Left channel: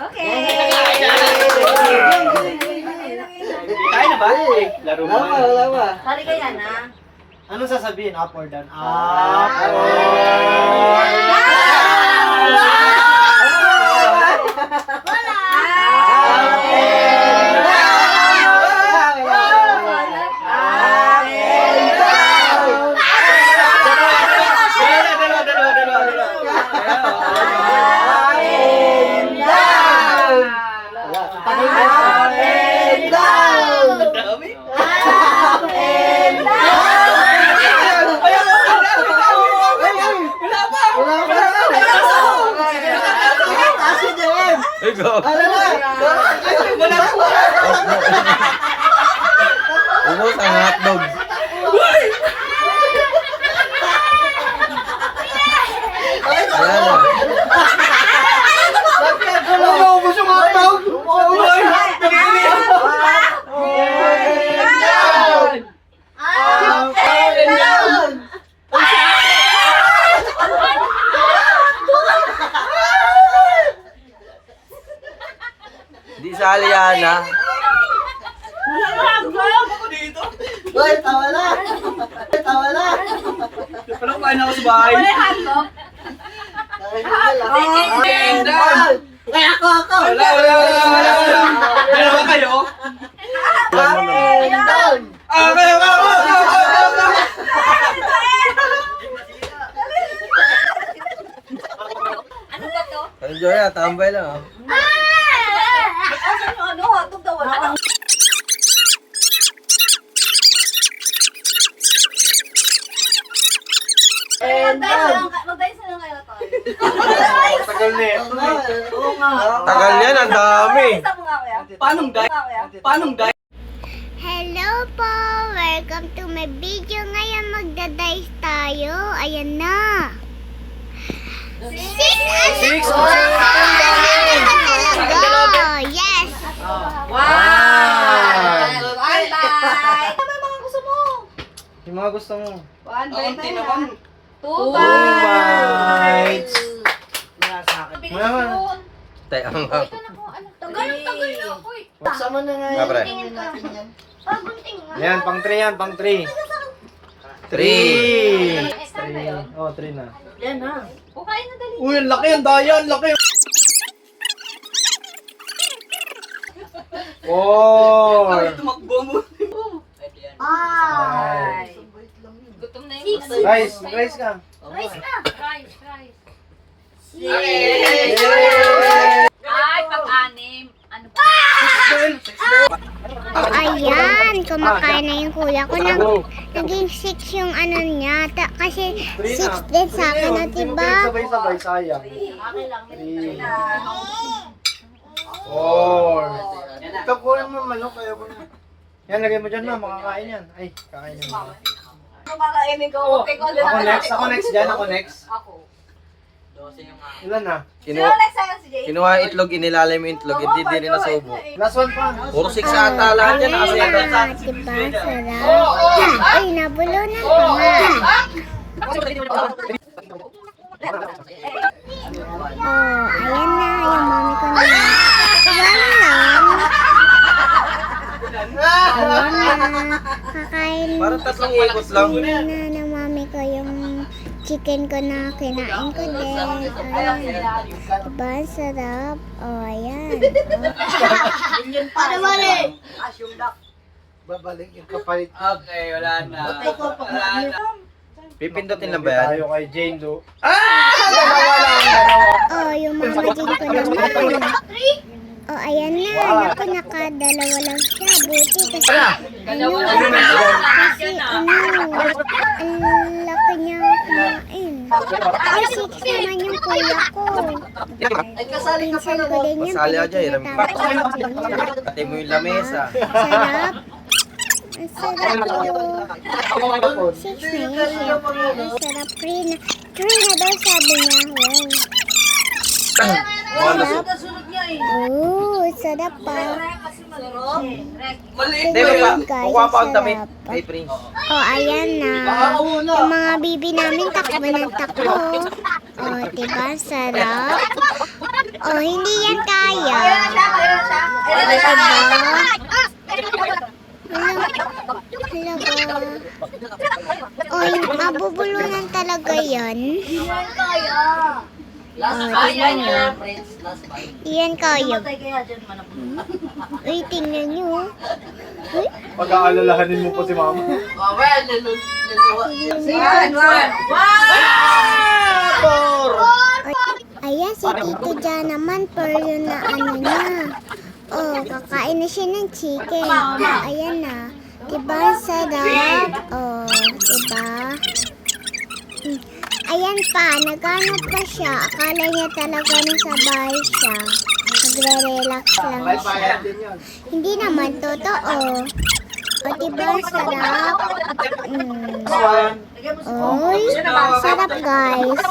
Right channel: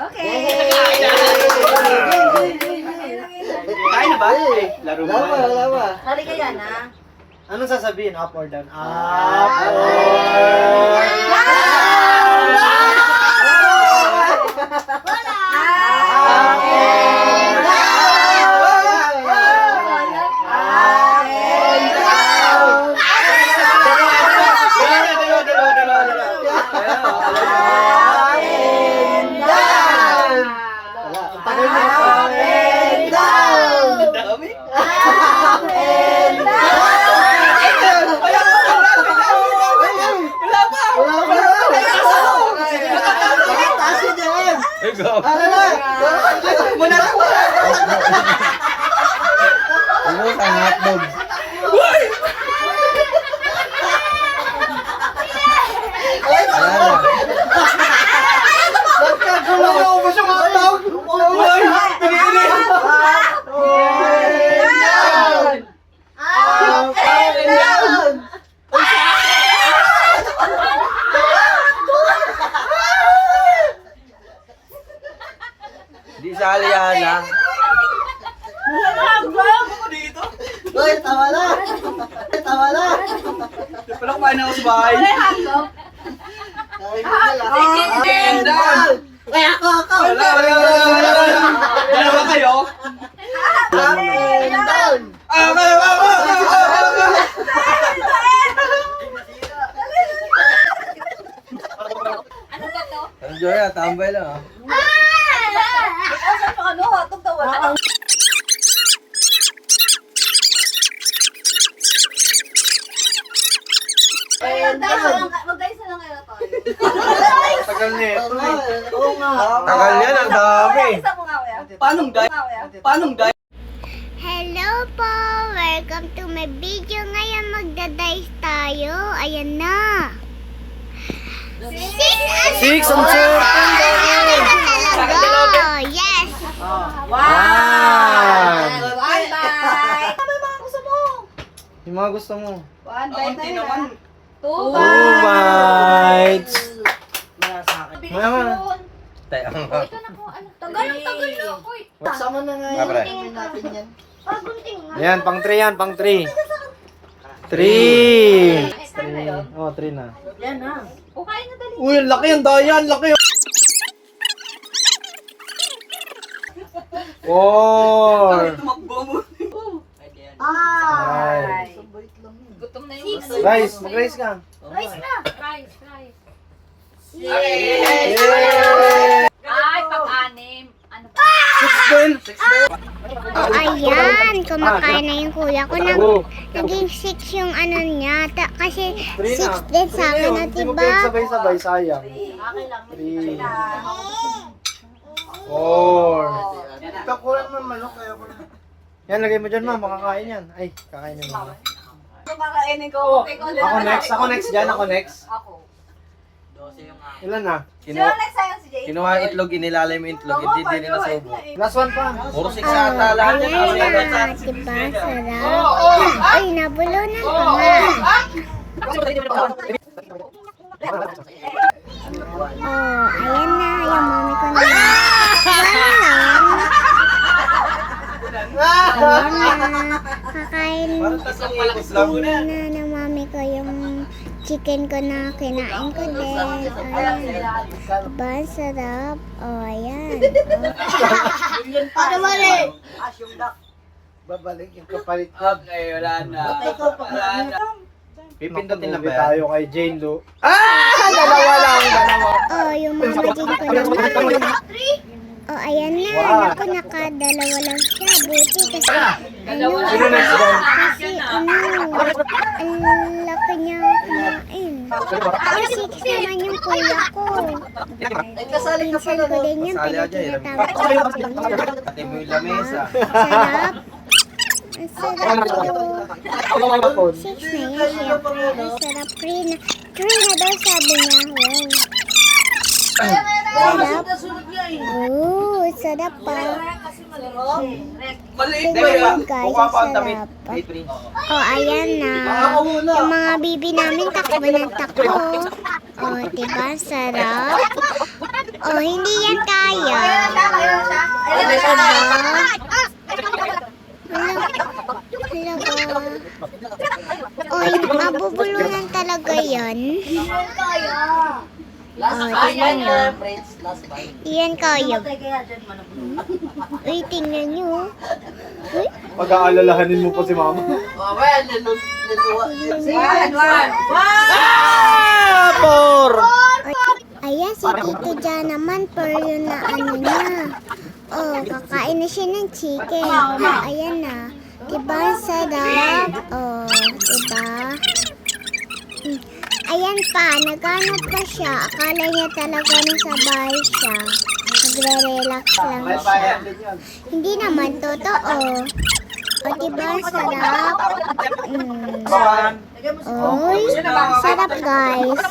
Okay. Kaya na ba? Laro mo na. Wala. Halika yan, ha? Anong sasabihin? Up or down? Up or Ubos ang hotdog. ubos yung hotdog! Uy! Pinili! Di sali yan, ha? Uy, tawa na! Tawa na! Pala kumain ako sa bahay. Ay, ako! Wala! Dalawa kayo? Kayo! Ano ba to? Enjoy na, tambay lang, ha? Asan yung ano? Hotdog daw wala. Mag-dice na lang kayo na to. Tagal na eh. Oo nga. Tagal yan, ang dami. Isa mo nga, kuya. Paano guys? Hello po! Welcome to my video. Ngayon magdadice tayo. Ayan na. 6 Six ang talaga. Yes! One bite. Ano yung mga gusto mo? Yung mga gusto mo. One bite na yun. Two Two bites. bites. Mama. Tayo ang Tagal na ako eh. Sama na nga Mga pre. Parang gunting nga. Yan, pang 3 yan, pang 3. 3. Extra na yun. Oh, 3 na. Yan na. O kain na dali. Uy, ang laki ang daya, ang laki. Four. Ay. Gutom na yun. Rice, mag-rice ka. Rice na. Rice. Yay! Ay, pag-anim. Ano pa? 6 Oh, ayan. Kumakain na yung kuya ko. Naging 6 yung ano niya. Kasi 6 din sa akin na, diba? Sabay-sabay, sayang. Okay lang. 3. 4. Kakuha ng manok kayo ko na. Yan, lagay mo dyan, ma. Makakain yan. Ay, kakainin mo. Kung kakainin ko, okay ko. Ako next dyan, ako next. Ako. Ilan na? Sino next sa'yo si Jay? Kinuha itlog, inilalay mo yung itlog, hindi din na subo. Last one pa. Puro 6 ata lahat yan. Ayan Kasi na. Diba? Sarap. Ay, nabulunan pa nga. Oh, ayan na. Yung mami ko na. One lang. Ayan na. Kakain. parang tatlong ikot lang. Kinain na ng mami ko yung chicken ko na kinain ko din. Ayan. Diba? Ang sarap. Oh, ayan. Ano ba rin? Babalik yung kapalit. Okay, wala na. Pipindutin lang ba yan? Tayo kay Jane Do. Oh, yung mama din ko naman. Oh, ayan na. Naku, nakadalawa lang siya. Buti kasi, ang laki niya kumain. Oh, 6 naman yung kuya ko. Pinsan ko din yan, pinatawag ko yung kuya. Pati mo yung lamesa. Sarap. Ang sarap po. 6 na yan, syempre. Ang sarap. 3 na daw sabi niya. Wow. Sarap. Oh, sarap pa. Tingnan guys, ang sarap. Oh, ayan na. Yung mga bibi namin takbo ng takbo. Oh, diba? Sarap. Oh, hindi yan kaya. Kailan siya? Halaga. Oy, mabubulunan talaga yan. Kaya. Oh, tingnan nyo. Yan kaya. Kaya dyan mo na. Uy, tingnan nyo. Uy, Pag-aalalahanin mo po si mama. ayan, si Tito Jan naman, per yun na ano niya. Oh, kakain na siya ng chicken. Ayan na. Diba, ang sarap? Oh, diba? Ayan pa, naghanap pa siya. Akala niya talaga nasa bahay siya. Nagre-relax lang siya. Hindi naman totoo. O, diba, ang sarap? Oy, sarap guys.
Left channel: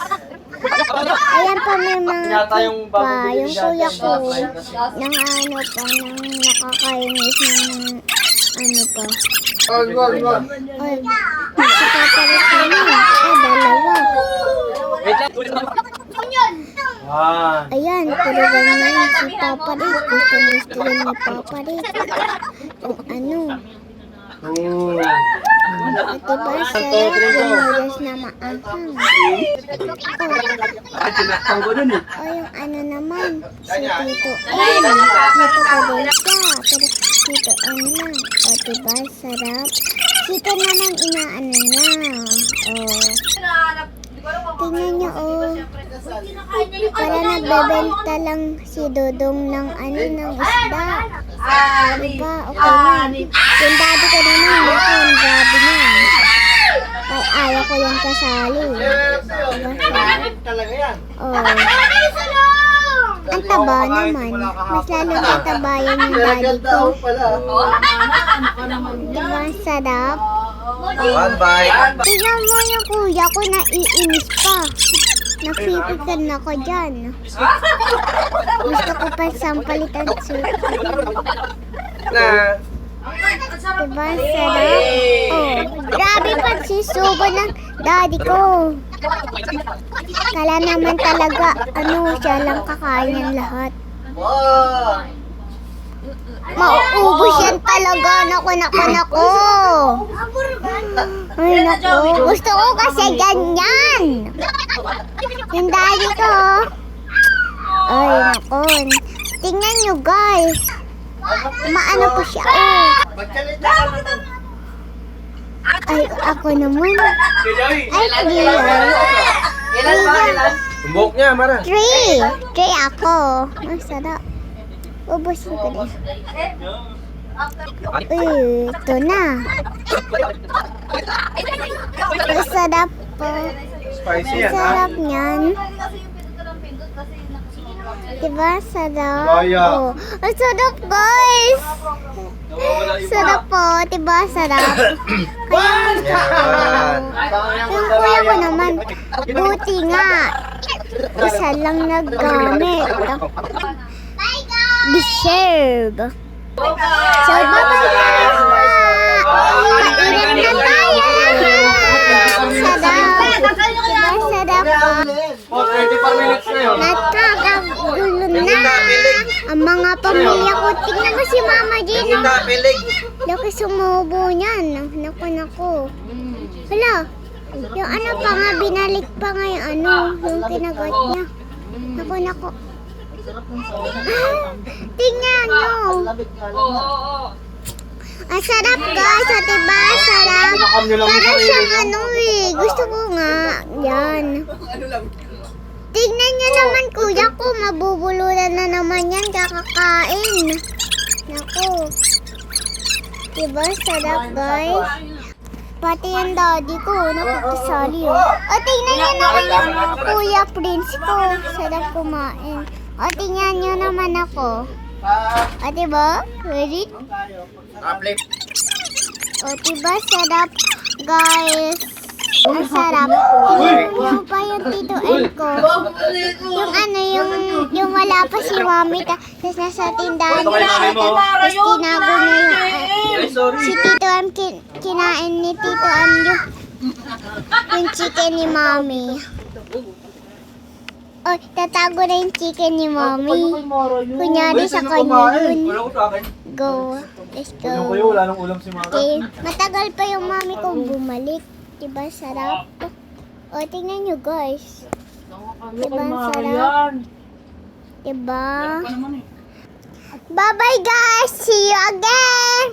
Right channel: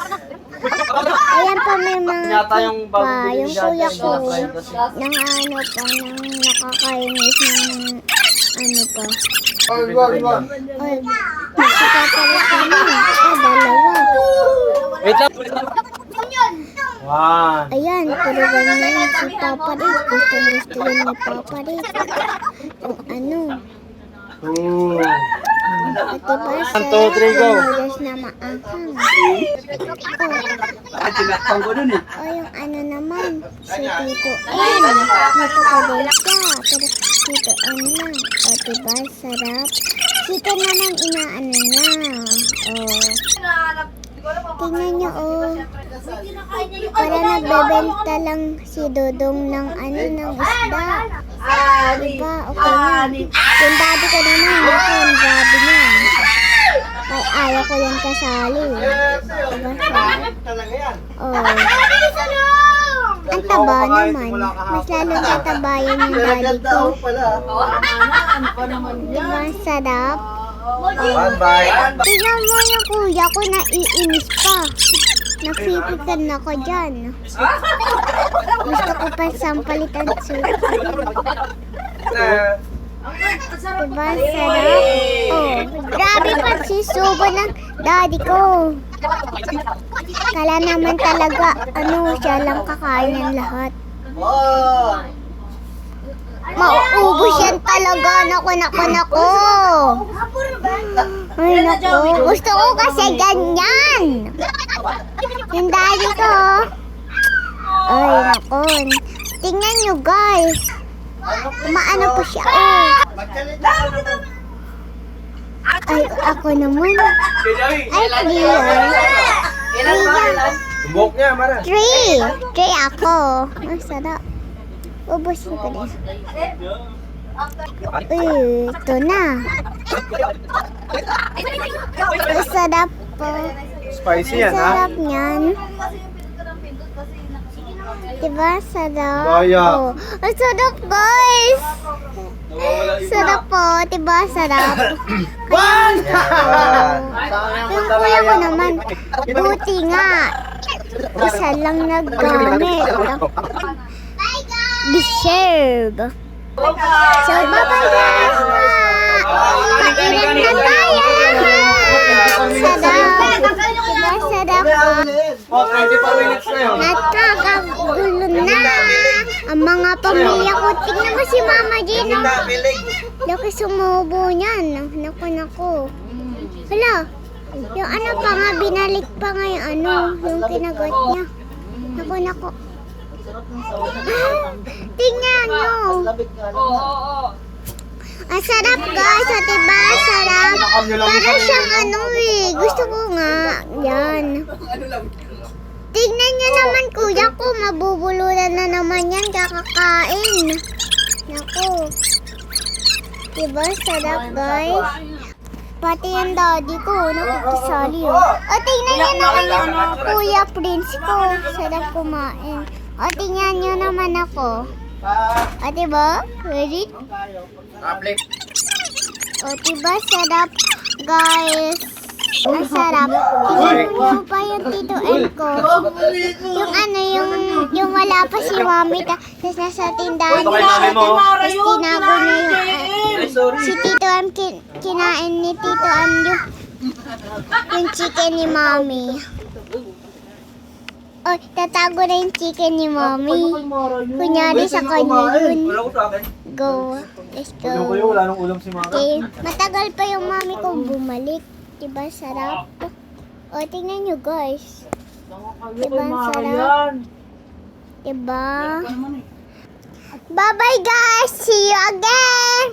Ayan pa, may mga cake pa. Yung kuya ko, nang ano pa, nang nakakainis ng ano pa. Oy, si Papa Rick naman. Dalawa. Wow. Ayan, puro ganyan si Papa Rick. Gusto yun ni Papa Rick. Yung ano. At diba, sarap yung noodles na maanghang. O yung ano naman, si Tito M. Dito ko din siya, pero Tito M lang. O diba, sarap. Tito naman inaano niya. O, tingnan niyo o. Para nagbebenta lang si Dodong ng ano, ng isda. Diba, okay na. Yung daddy ko naman, ako, ang grabe niya. Ay, ayaw ko yan kasali. Diba, sarap? Oh. Ang taba naman. Mas lalo tatabayan yung daddy ko. Diba, ang sarap? One bite. Tingnan mo yung kuya ko, naiinis pa. Napipikan ako dyan. Gusto ko pa sampalitan suka. Diba, ang sarap? Oh, grabe pagsisubo ng daddy ko. Kala naman talaga, ano, siya lang kakain ng lahat. Mauubos yan talaga. Nako. Ay, nako. Gusto ko kasi ganyan. Yung daddy ko. Ay, nako. Tingnan nyo, guys. Maano po siya. Oh. Ay, ako naman. Ay, clear. Tumbok niya, Mara. 3 ako. Ang sarap. Ubusin ko din. Uy, ito na. Ang sarap po. Spicy Ang yan, ha? sarap niyan. Diba? Sarap. Kaya. Oh. Ang sarap, guys. Sarap po. Diba? Sarap. Kaya gusto ko. Yung kuya ko naman, buti nga. Isa lang naggamit. Deserve. So, bye-bye guys na. Kainit na tayo lahat. Sarap. Diba sarap po? Oh, 25 minutes na yun. Nakakagulo na. Ang mga pamilya ko. Tingnan mo si Mama Gino. Laki sumubo niyan. Naku. Hala. Yung ano pa nga, binalik pa nga yung ano, yung kinagat niya. Naku. Tingnan nyo. Ang sarap guys. O diba? Sarap. Para siyang ano eh. Gusto ko nga. Yan. Tingnan nyo naman kuya ko. Mabubulunan na naman yan. Kakakain. Naku. Diba? Sarap guys. Pati yung daddy ko. Nakakasali oh. O tingnan nyo naman yung kuya Prince ko. Sarap kumain. O, tingnan nyo naman ako. O, diba? Ready? O, diba? Sarap, guys. Ang sarap. Tingnan nyo pa yung Tito M ko. Yung ano, yung wala pa si Mami. Tapos nasa tindahan niya siya. Tapos tinago niya yung... si Tito M, kinain ni Tito M yung chicken ni Mami. O, Oh, tatago na yung chicken ni Mommy. Kunyari sa kanya yun. Wala ko sa akin. Go. Let's Ulam ko go. yun, wala nang ulam si Mara. Okay, matagal pa yung mami ko bumalik. Diba sarap? O, tingnan nyo guys. Diba ang sarap? Diba? Bye-bye guys! See you again!